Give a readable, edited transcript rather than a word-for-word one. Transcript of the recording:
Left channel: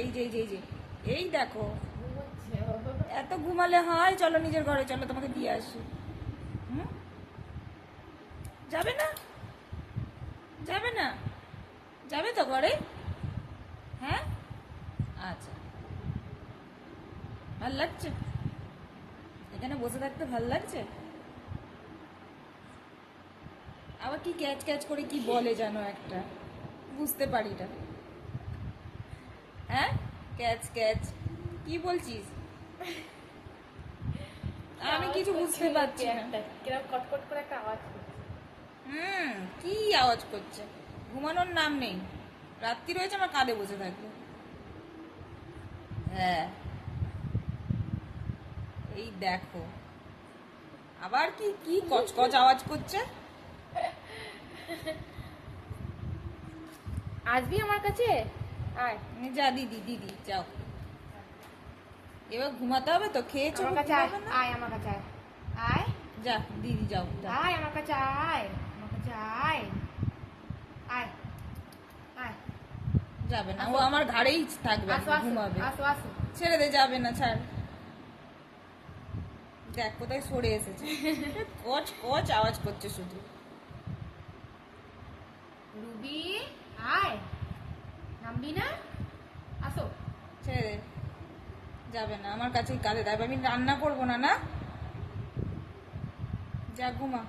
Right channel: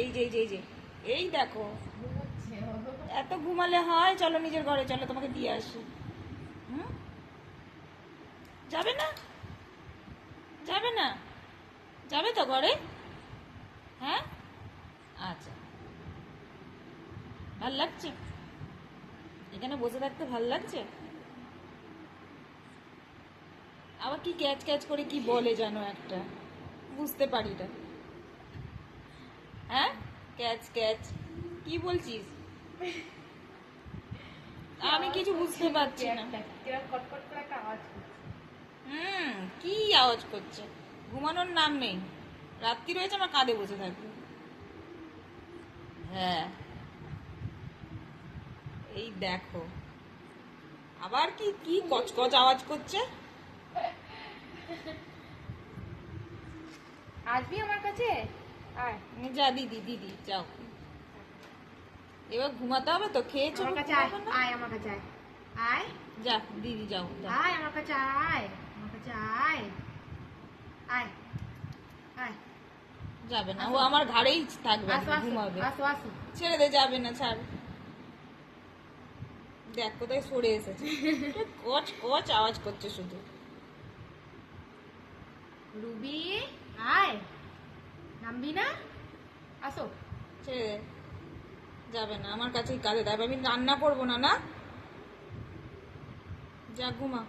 এই যে এই যে এই যে এই দেখো, এত ঘুমালে হয়? চলো নিজের ঘরে চলো, তোমাকে দিয়ে আসি। হুম, যাবে না? যাবে না? যাবে তো ঘরে? হ্যাঁ, আচ্ছা। ভাল লাগছে এখানে বসে থাকতে? ভাল লাগছে? আবার কি ক্যাচ ক্যাচ করে কি বলে জানো একটা, বুঝতে পারি না। হ্যাঁ, ক্যাচ ক্যাচ কি বলছিস? আমি কিছু বুঝতে পারছি না। কিরকম কটকট করে একটা আওয়াজ করছে। কি আওয়াজ করছে? ঘুমানোর নাম নেই, রাত্রি রয়েছে আমার কাঁধে বসে থাকবে। হ্যাঁ, এই দেখো আবার কি কি কচকচ আওয়াজ করছে। আসবি আমার কাছে? আয় যা দিদি, দিদি যাও, এবার ঘুমাতে হবে তো, খেয়েছো? আমার কাছে আয়, আয় আমার কাছে আয়, আয় যা দিদি যাও, যাও। আয় আমার কাছে আয়, আমার কাছে আয়, আয় আয়। যাবে না, ও আমার ঘাড়েই থাকবে, আসো আসো ঘুমাবে। আসো আসো। ছেড়ে দে, যাবে না, ছাড়। দেখ কোথায় সরে এসেছে, কচ কচ আওয়াজ করছে শুধু। রুবি আয়, নামবি না? আসো। ছেড়ে দে, যাবে না, আমার কাছেই কাঁধে থাকবে। আমি রান্না করবো না, না? যা ঘুমা।